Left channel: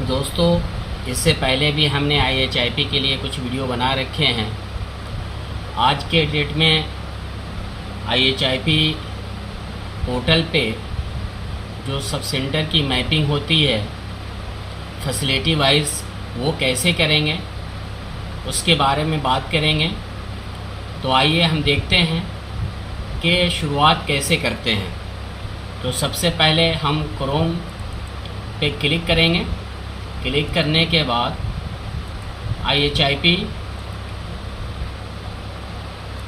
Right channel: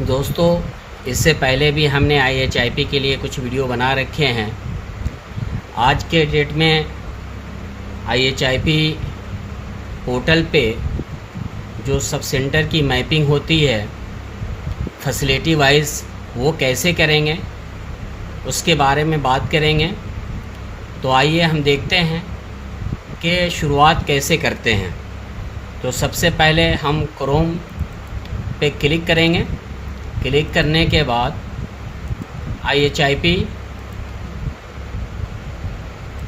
दोस्तों, इससे पहले भी हमने IHIP के लिए कुछ वीडियो बना रखे हैं। आज के डेट में IHIP पोर्टल पे जो सब सेंटर की मैपिंग होती है फैसिलिटी वाइज, वो कैसे करेंगे उसके बारे में बात करेंगे। तो आइए हम देखते हैं कि शुरुआत कैसे करते हैं। तो सबसे पहले हम क्रोम पे क्लिक करेंगे। क्लिक करने के बाद IHIP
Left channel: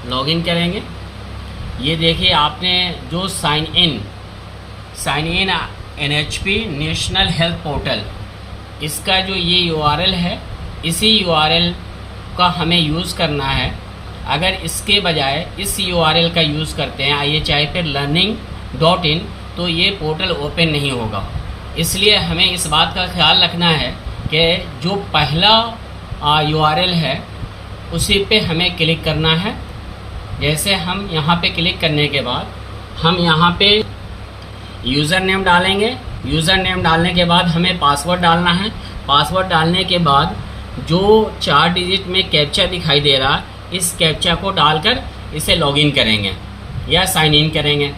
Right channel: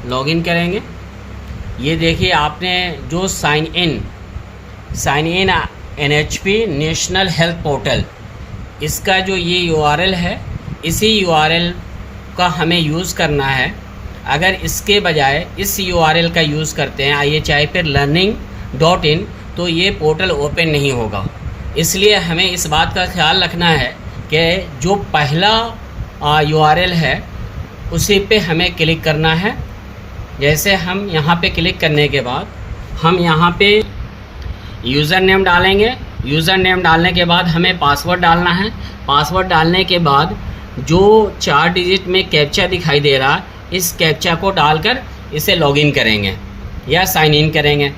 लॉगिन करेंगे। ये देखिए, आपने जो sign in NHP national health portal, इसका जो ये URL है, इसी URL का हमें यूज़ करना है। अगर इसके बजाय इस URL का यूज़ करते हैं IHIP learning.in, तो ये पोर्टल ओपन नहीं होगा। इसलिए हमें इस बात का ख्याल रखना है कि जो पहला URL है उसी पे हमें क्लिक करना है। जैसे हम यहाँ पे क्लिक करने के बाद हम यहाँ पे यूज़र नेम डालेंगे। यूज़र नेम डालने के बाद हमें पासवर्ड डालना है। पासवर्ड डालने के बाद जो 4 डिजिट में कैप्चा दिखाई दे रहा है, इस कैप्चा को डालकर इसे लॉगिन करेंगे या साइन इन करेंगे।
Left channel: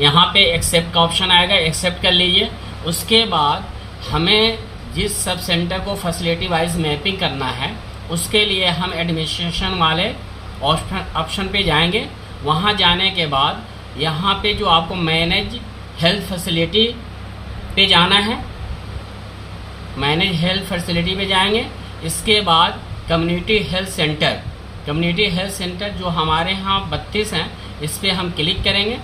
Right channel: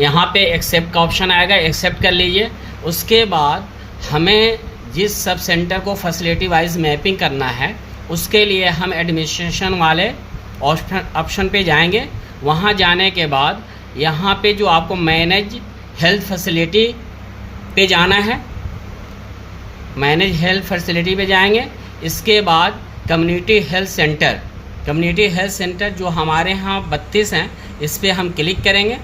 यहाँ पे एक्सेप्ट का ऑप्शन आएगा, एक्सेप्ट कर लीजिए। उसके बाद हमें जिस सब सेंटर को फैसिलिटी वाइज मैपिंग करना है, उसके लिए हम एडमिनिस्ट्रेशन वाले ऑप्शन पे जाएंगे। वहाँ जाने के बाद यहाँ पे जो आपको मैनेज हेल्थ फैसिलिटी पे जाना है, मैनेज हेल्थ फैसिलिटी पे जाएंगे। इसके बाद कम्युनिटी हेल्थ सेंटर जो हमारे यहाँ 32 हैं, इस पर हम क्लिक करेंगे।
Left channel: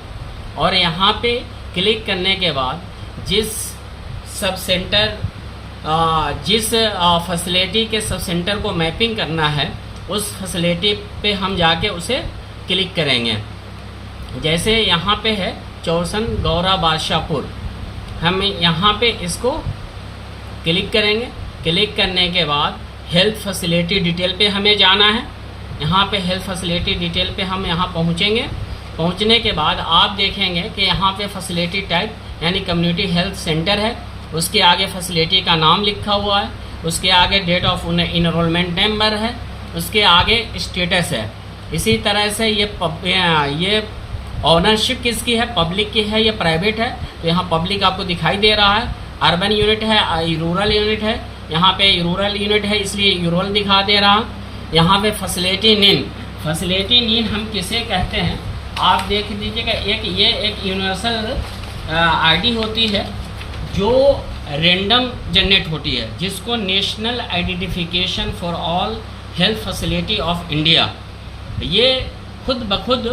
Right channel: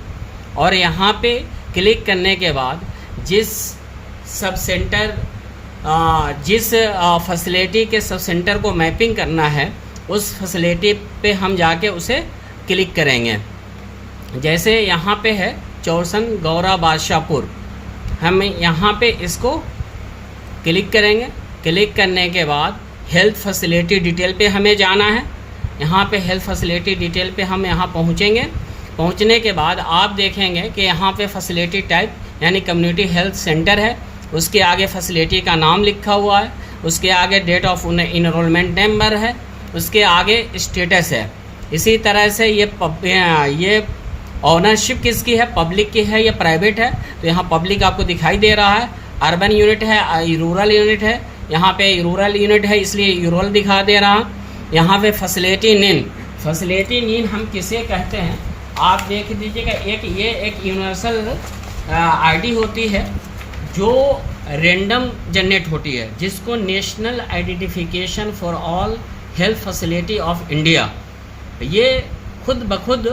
और यहाँ पे क्लिक करने के बाद जिस फैसिलिटी के सब सेंटर को मैपिंग करना है, उस फैसिलिटी पे हम जाके उसे क्लिक करेंगे। जैसे यहाँ पे है चौरसन गौरा बादशाहपुर, हम यहाँ पे इसको क्लिक करेंगे। क्लिक करने के बाद हेल्थ फैसिलिटी डिटेल पे हमें जाना है। यहाँ पे हेल्थ फैसिलिटी डिटेल पे हम यहाँ पहुँचेंगे। पहुँचने के बाद आप देखेंगे कि यहाँ पे फैसिलिटी टाइप यानी कम्युनिटी हेल्थ सेंटर है। उसके आगे फैसिलिटी का नाम लिखा हुआ है, उसके आगे डेट ऑफ इनरोलमेंट नंबर है, उसके आगे स्टेटस है। इसी तरह से ये ऑनरशिप किसकी है, पब्लिक की है या प्राइवेट है। तो यहाँ पब्लिक आपको दिखाई दे रहा है। अर्बन यूनिट है, रूरल यूनिट है। यहाँ पे रूरल यूनिट है, इसलिए रूरल दिखा दे रहा। यहाँ पे फैसिलिटी नेम हम किसे कहते हैं, आप देख लीजिएगा। एक यूनिवर्सल आईडी होती है जो रैंडम जनरेट होती है, जिसको national identification for all health facility of India, ये खुद ब खुद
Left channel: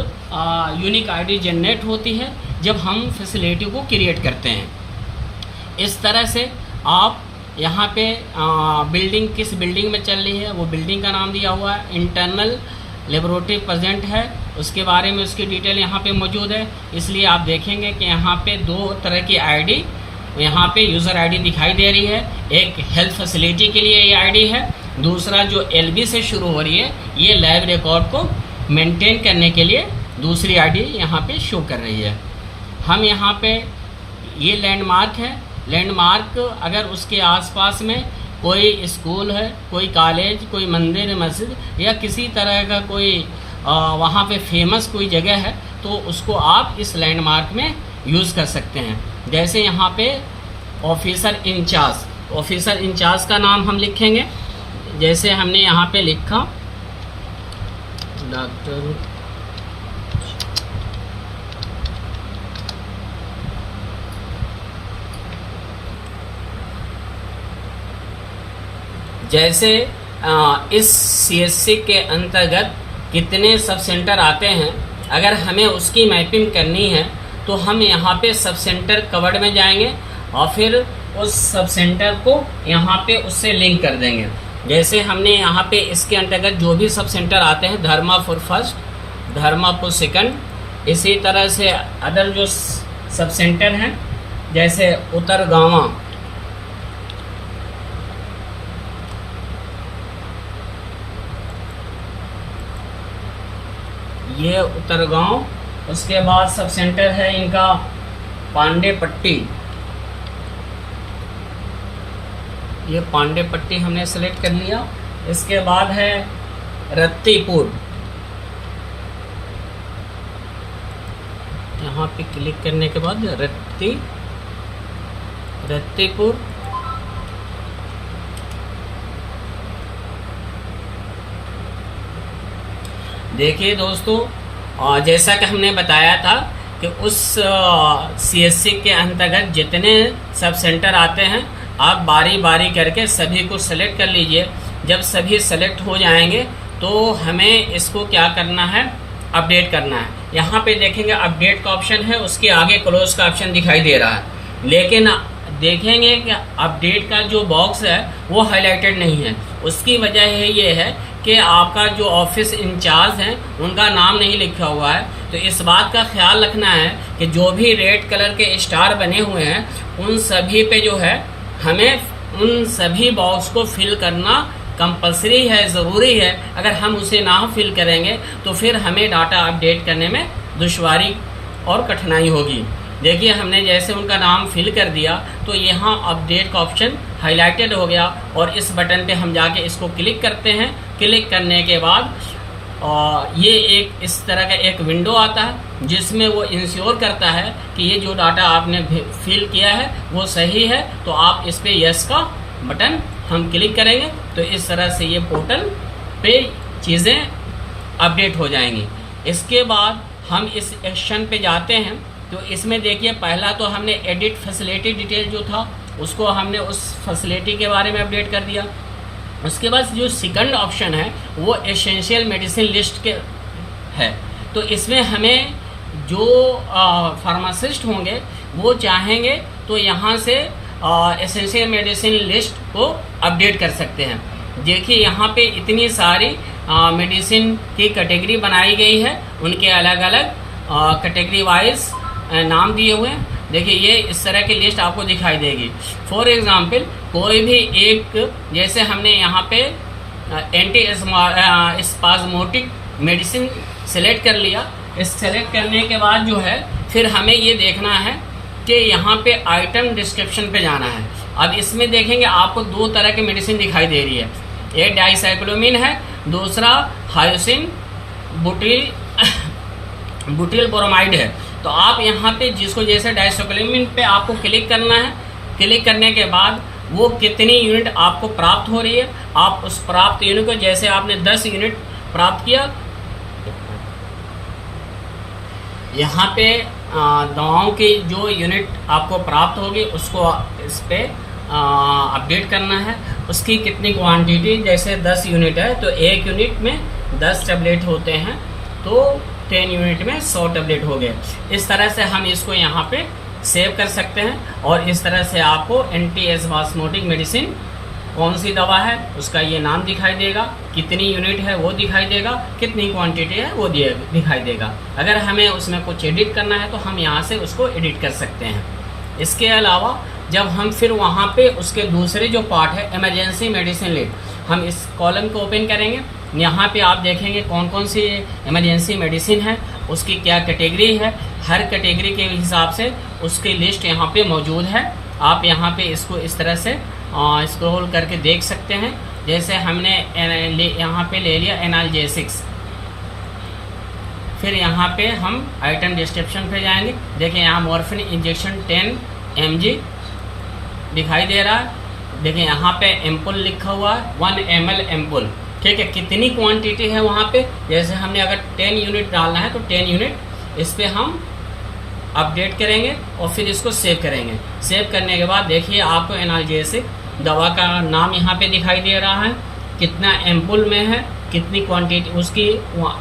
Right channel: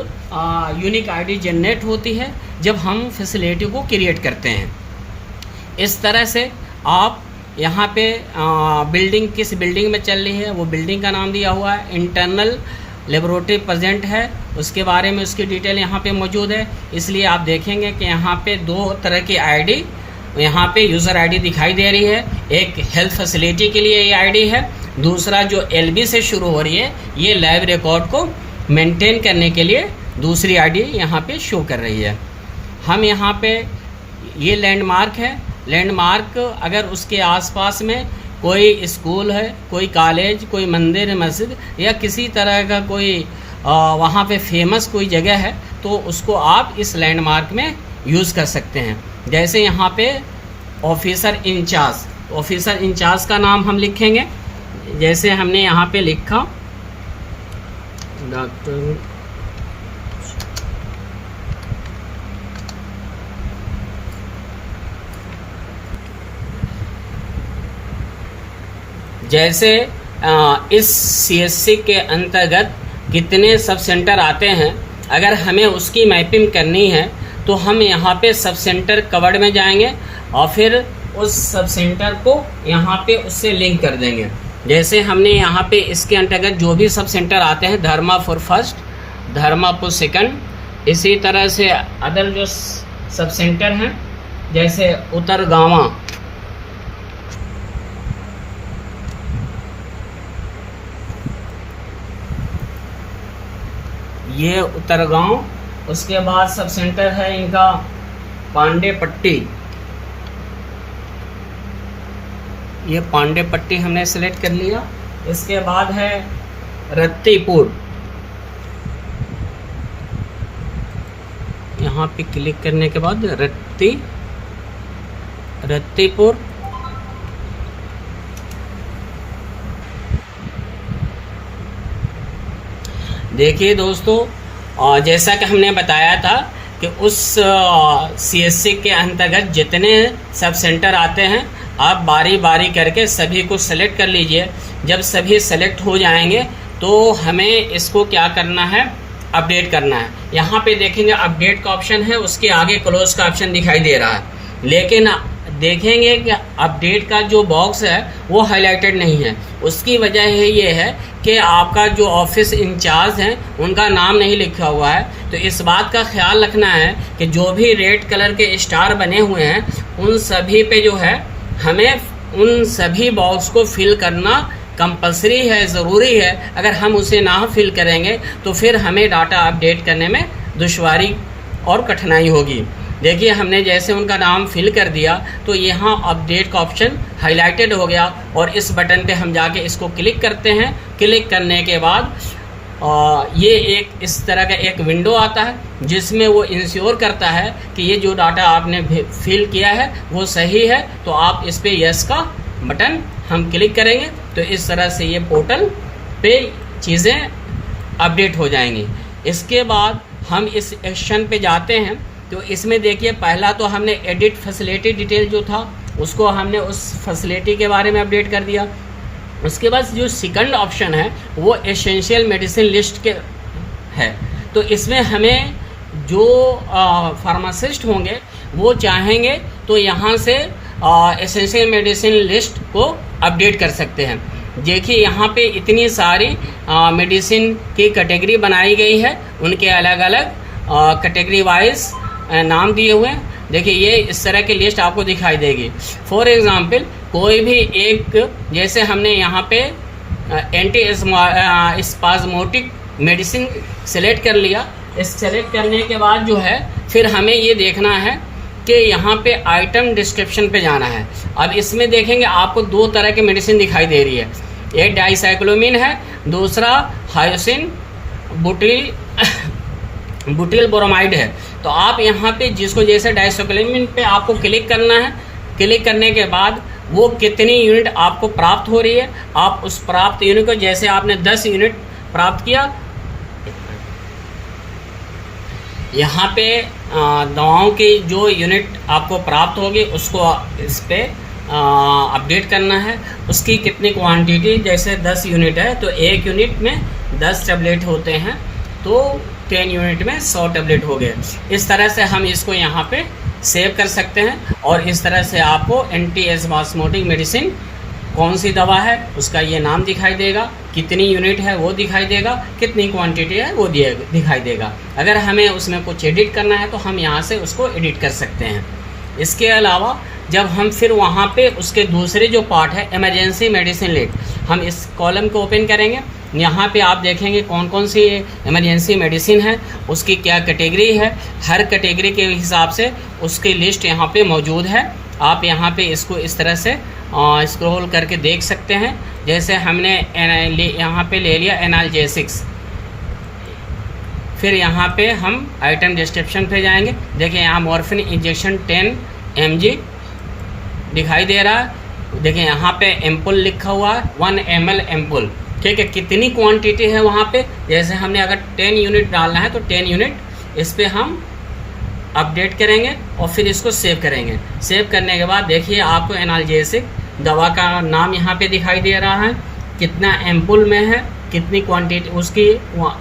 यूनिक आईडी जनरेट होती है जब हम फैसिलिटी को क्रिएट करते हैं। इस तरह से आप यहाँ पे बिल्डिंग किस बिल्डिंग में चल रही है, वो बिल्डिंग का नाम दिया हुआ है। इंटरनल लेबोरेटरी प्रेजेंट है, उसके बारे में उसकी डिटेल यहाँ पे मौजूद है। इसलिए आप देखेंगे कि यहाँ पे 2 तरह की आईडी यहाँ पे यूज़र आईडी दिखाई दे रही है। एक हेल्थ फैसिलिटी के लिए ये आईडी है, दूसरा जो LB से शुरू हो रही है, ये लैब रिकॉर्ड को मेंटेन करने के लिए दूसरी आईडी यहाँ पे शो कर रही है। हम यहाँ पे ये लैंडमार्क है। लैंडमार्क अगर उसके आसपास में कोई स्कूल है, कोई कॉलेज, कोई मंदिर मस्जिद या किसी तरह का कोई वहाँ पे फेमस कोई जगह है, तो उसको आप इस लैंडमार्क में यूज़ कर सकते हैं। जैसे यहाँ पे ऑफिसर इंचार्ज का नाम हम लिखेंगे। जैसे हमने यहाँ पे लिखा डॉक्टर जैसे इस CSC के अंतर्गत कितने सब सेंटर आते हैं, अगर हमें उसकी मैपिंग करनी है तो हम यहाँ पे सब सेंटर कवर्ड में जाएंगे और फिर उस सब सेंटर को यहाँ पे उससे लिंक कर देंगे। जैसे हमने यहाँ पे इसके अंतर्गत जो भी सब सेंटर आते हैं, धर्मापुर फर्स्ट, धर्मापुर सेकंड, इसी तरह से अदर जो सब सेंटर हैं जैसे उतरगावा, ये उत्तरगांव, उसके बाद सब सेंटर है इनका पांडे पट्टी, ये पांडे पट्टी हमने सेलेक्ट कर लिया। इसके बाद है रत्तीपुर, यहाँ पे क्लिक करने के बाद रत्तीपुर। देखिए दोस्तों, जैसा कि हमने बताया था कि उस सीएससी के अंतर्गत जितने सब सेंटर आते हैं, आप बारी बारी करके सभी को सेलेक्ट कर लीजिए। जब सभी सेलेक्ट हो जाएंगे तो हमें इसको क्या करना है, अपडेट करना है। यहाँ पे देखेंगे अपडेट का ऑप्शन है, उसके आगे क्लोज का ऑप्शन दिखाई दे रहा है, लेकिन देखेंगे कि अपडेट का जो बॉक्स है वो हाईलाइटेड नहीं है। उसकी वजह ये है कि आपका जो ऑफिस इंचार्ज हैं उनका नाम नहीं लिखा हुआ है। तो इस बात का ख्याल रखना है कि जो भी रेड कलर के स्टार बने हुए हैं उन सभी पे जो है हमें उन सभी बॉक्स को फिल करना कंपलसरी है, ज़रूरी है। अगर हम उसे ना फिल करेंगे तो फिर हमें डाटा अपडेट करने में दुश्वारी और कठिनाई होगी। देखिए, हमने जैसे उनका नाम फिल कर दिया तो यहाँ अपडेट का ऑप्शन हाईलाइटेड हो गया और इस बटन पे हम जाके इसको क्लिक करते हैं। क्लिक करने के बाद ये एक इस तरह का एक विंडो आता है जिसमें वो इंश्योर करता है कि ये जो डाटा आपने फिल किया है वो सही है। तो आप इस पे यस का बटन हम क्लिक करेंगे तो इस तरह से ये पोर्टल पे चीज़ें अपडेट हो जाएंगी। इसके बाद हम इस एक्शन पे जाते हैं तो इसमें देखिए, पहला तो हमने एडिट फैसिलिटी डिटेल जो था उसको हमने उस फैसिलिटी के बारे में अपडेट कर दिया। उसके बाद जो सेकंड ऑप्शन है वो एसेंशियल मेडिसिन लिस्ट के है। तो इसमें हमें जो फार्मासिस्ट होंगे वो चाहेंगे तो यहाँ से एसेंशियल मेडिसिन लिस्ट को अपडेट कर सकते हैं। देखिए, यहाँ पे इतनी सारी मेडिसिन की कैटेगरी बनाई गई है, उनके अलग अलग कैटेगरी वाइज नाम दिए हुए हैं। देखिए, ये इस तरह की लिस्ट आपको दिखाई देगी। फॉर एग्जांपल, कोई भी एक, जैसे हमने यहाँ पे एंटी स्पाज्मोटिक मेडिसिन सेलेक्ट कर लिया। इस सेलेक्ट करने के बाद जो है फिर हमें ये देखना है कि यहाँ पे आइटम डिस्क्रिप्शन पे जाना है। अब इसमें देखेंगे आपको दो तरह की मेडिसिन दिखाई दे रही है, एक डाइसाइक्लोमिन है, दूसरा हायोसिन बुटील ब्रोमाइड है। तो आप यहाँ पे जिसको, जैसे डाइसाइक्लोमिन पे आपको क्लिक करना है। क्लिक करने के बाद वो कितनी यूनिट आपको प्राप्त हो रही है, आप उस प्राप्त यूनिट को, जैसे आपने 10 यूनिट प्राप्त किया, यहाँ पे दवाओं की जो यूनिट आपको प्राप्त होगी उसको इस पे अपडेट करना है। उसकी कितनी क्वांटिटी, जैसे 10 यूनिट है तो एक यूनिट में 10 टैबलेट होते हैं, तो 10 यूनिट में 100 टैबलेट हो गए। इस तरह से हम इसको यहाँ पे सेव कर सकते हैं और इस तरह से आपको एंटी स्पाज्मोटिक मेडिसिन कौन सी दवा है उसका ये नाम दिखाई देगा, कितनी यूनिट है वो दिखाई देगा, कितनी क्वांटिटी है वो दिखाई देगा। अगर हमें उसमें कुछ एडिट करना है तो हम यहाँ से उसको एडिट कर सकते हैं। इसके अलावा जब हम फिर वहाँ पे उसके दूसरे जो पार्ट है इमरजेंसी मेडिसिन लिस्ट, हम इस कॉलम को ओपन करेंगे। यहाँ पे आप देखेंगे कौन कौन सी इमरजेंसी मेडिसिन है, उसकी क्या कैटेगरी है, हर कैटेगरी के हिसाब से उसकी लिस्ट यहाँ पे मौजूद है। आप यहाँ पे इसको इस तरह से स्क्रॉल करके देख सकते हैं। जैसे हमने यहाँ पे ले लिया एनाल्जेसिक्स, फिर यहाँ पे हम आइटम डिस्क्रिप्शन पे जाएंगे। देखिए, यहाँ मॉर्फिन इंजेक्शन 10 mg दिखाई दे रहा है। देखिए, यहाँ पे एम्पुल लिखा हुआ है, 1 ml एम्पुल, ठीक है। कितनी क्वांटिटी है वहाँ पे, जैसे हमने अगर 10 यूनिट डालना है तो 10 यूनिट इस पे हम अपडेट करेंगे और फिर इसको सेव करेंगे। सेव करने के बाद देखिए आपको एनाल्जेसिक दवा का नाम यहाँ पे दिखाई दे रहा है, कितना एम्पुल में है, कितनी क्वांटिटी उसकी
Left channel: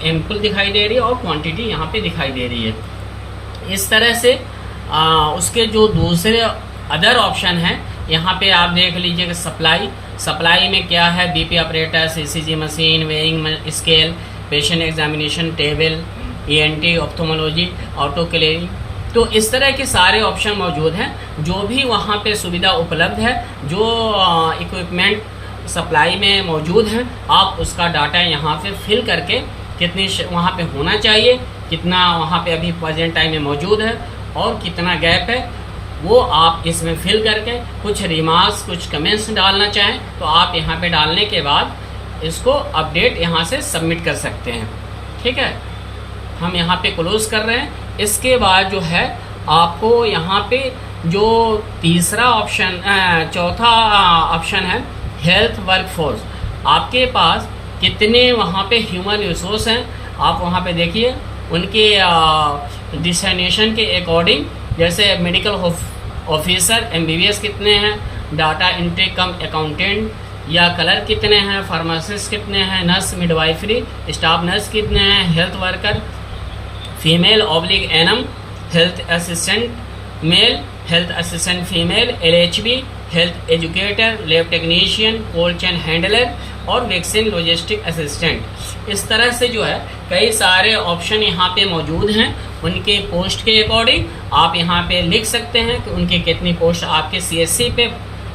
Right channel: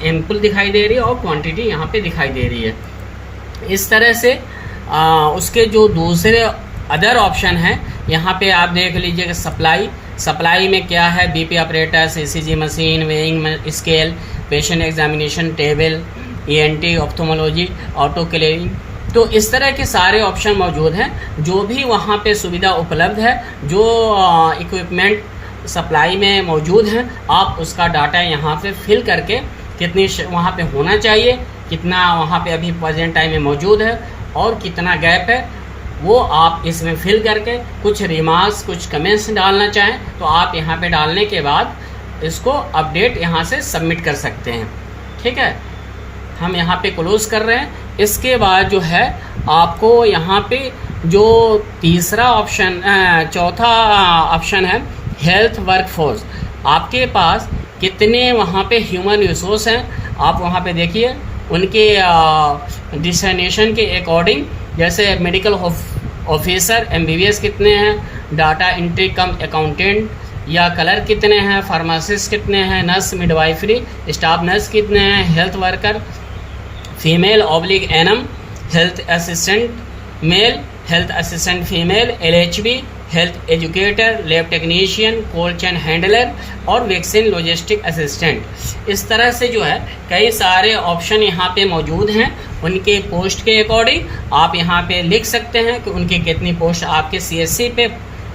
एम्पुल दिखाई दे रही है और क्वांटिटी यहाँ पे दिखाई दे रही है। इस तरह से उसके जो दूसरे अदर ऑप्शन हैं यहाँ पे आप देख लीजिएगा। सप्लाई में क्या है, BP operators, ECG machine, weighing scale, patient examination table, ENT, ophthalmology, autoclaving. तो इस तरह के सारे ऑप्शन मौजूद हैं। जो भी वहाँ पे सुविधा उपलब्ध है, जो इक्विपमेंट सप्लाई में मौजूद है, आप उसका डाटा यहाँ पे फिल करके कितनी वहाँ पे होना चाहिए, कितना वहाँ पे अभी प्रेजेंट टाइम में मौजूद है और कितना गैप है, वो आप इसमें फिल करके कुछ रिमार्क्स, कुछ कमेंट्स डालना चाहें तो आप यहाँ पे डालने के बाद इसको अपडेट यहाँ से सबमिट कर सकते हैं। ठीक है, हम यहाँ पे क्लोज कर रहे हैं। इसके बाद जो है आपको यहाँ पे जो तीसरा ऑप्शन, चौथा ऑप्शन है हेल्थ वर्कफोर्स। आपके पास कितने वहाँ पे ह्यूमन रिसोर्स हैं आप वहाँ पे देखिए, उनके डिस्टिनेशन के अकॉर्डिंग, जैसे मेडिकल ऑफिसर MBBS कितने हैं, डाटा एंट्री कम अकाउंटेंट या कलर कितने हैं, फार्मासिस्ट कितने हैं, नर्स मिडवाइफरी स्टाफ नर्स कितने हैं, health worker female oblique ANM, health assistant male, health assistant female, LHB, health educator, lab technician, cold chain handler और वैक्सीन लॉजिस्टिक असिस्टेंट। इस तरह से जो है कई सारे ऑप्शन यहाँ पे मौजूद हैं। उनके पोस्ट के अकॉर्डिंग आप यहाँ पे लिख सकते हैं कि उनके कितनी पोस्ट आपके CSC पे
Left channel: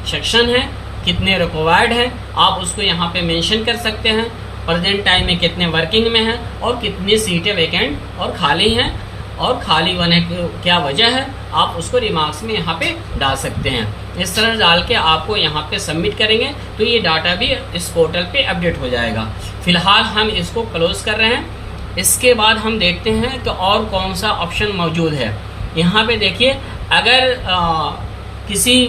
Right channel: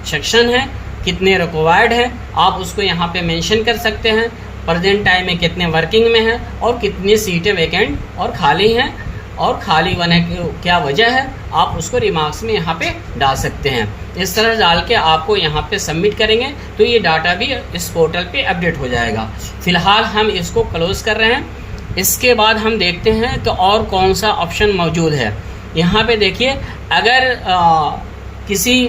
सेक्शन है, कितने रिक्वायर्ड है, आप उसको यहाँ पे मेंशन कर सकते हैं। प्रेजेंट टाइम में कितने वर्किंग में हैं और कितनी सीटें वैकेंट और खाली हैं, और खाली होने की क्या वजह है, आप उसको रिमार्क्स में यहाँ पे डाल सकते हैं। इस तरह डाल के आपको यहाँ पे सबमिट करेंगे तो ये डाटा भी इस पोर्टल पे अपडेट हो जाएगा। फिलहाल हम इसको क्लोज कर रहे हैं। इसके बाद हम देखते हैं कि और कौन सा ऑप्शन मौजूद है। यहाँ पे देखिए, अगर किसी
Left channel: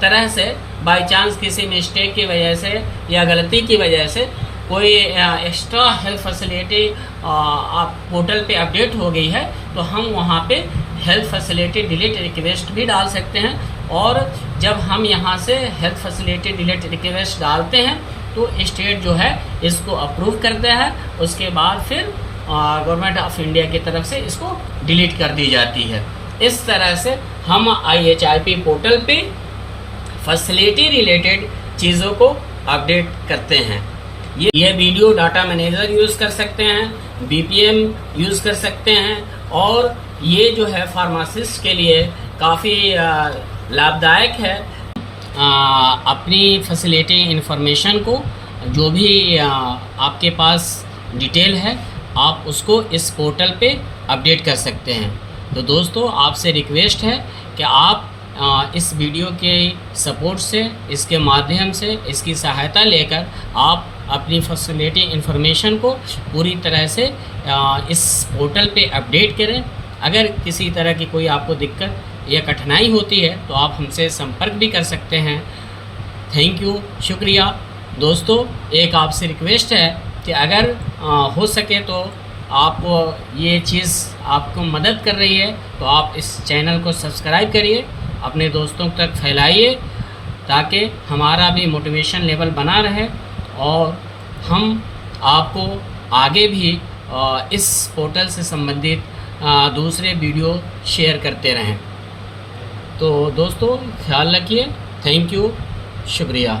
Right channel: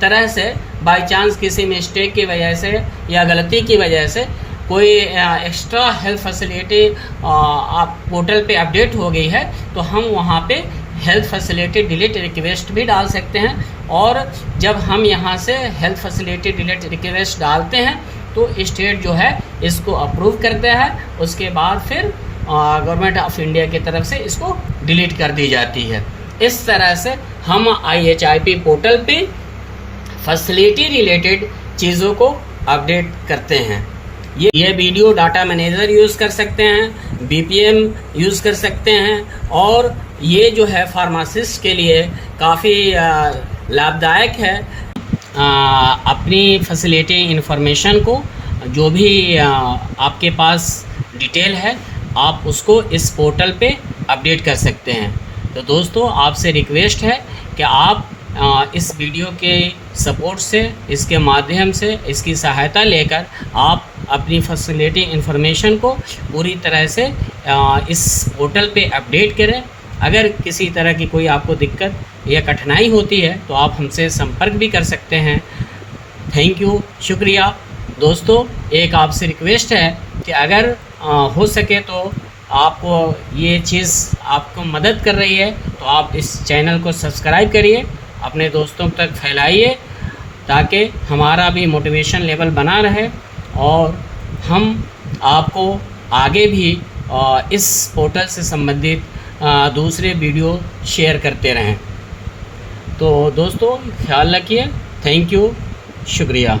तरह से बाई चांस किसी मिस्टेक की वजह से या गलती की वजह से कोई एक्स्ट्रा हेल्थ फैसिलिटी आप पोर्टल पे अपडेट हो गई है तो हम वहाँ पे हेल्थ फैसिलिटी डिलीट रिक्वेस्ट भी डाल सकते हैं। और जब हम यहाँ से हेल्थ फैसिलिटी डिलीट रिक्वेस्ट डालते हैं तो स्टेट जो है इसको अप्रूव करता है, उसके बाद फिर गवर्नमेंट ऑफ इंडिया की तरफ से इसको डिलीट कर दी जाती है। इस तरह से हम IHIP पोर्टल पे फैसिलिटी रिलेटेड चीज़ों को अपडेट करते हैं। ये वीडियो डाटा मैनेजर यूज़ कर सकते हैं, BPM यूज़ कर सकते हैं, और ये जो है फार्मासिस्ट के लिए काफ़ी लाभदायक है। अपनी फैसिलिटी इंफॉर्मेशन को, जो भी आपके पास डिटेल है, आप उसको इस पोर्टल पे अपडेट कर सकते हैं। तो दोस्तों, आपसे रिक्वेस्ट है कि आप इस वीडियो के सपोर्ट से, इसके माध्यम से, इसकी सहायता लेकर आप अपनी फैसिलिटी इंफॉर्मेशन को पूरी तरह से इस पोर्टल पे अपडेट करें। अगर किसी तरह की कोई आपको दिक्कत या कठिनाई होती है तो आप हमसे संपर्क भी कर सकते हैं। थैंक यू, शुक्रिया। दोस्तों, एक आपसे रिक्वेस्ट है कि अगर हो सके तो आप ये चीज़ आपको मदद कर रही है तो आप इस चैनल को सब्सक्राइब करिए, अपने दोस्तों तक फैलाइए, ताकि हमारा भी मोटिवेशन लेवल बना रहे और हम आपको आगे भी इस पोर्टल से संबंधित दूसरे वीडियो शेयर करते रहें। तो दोस्तों, ख्याल रखिए। थैंक यू, शुक्रिया।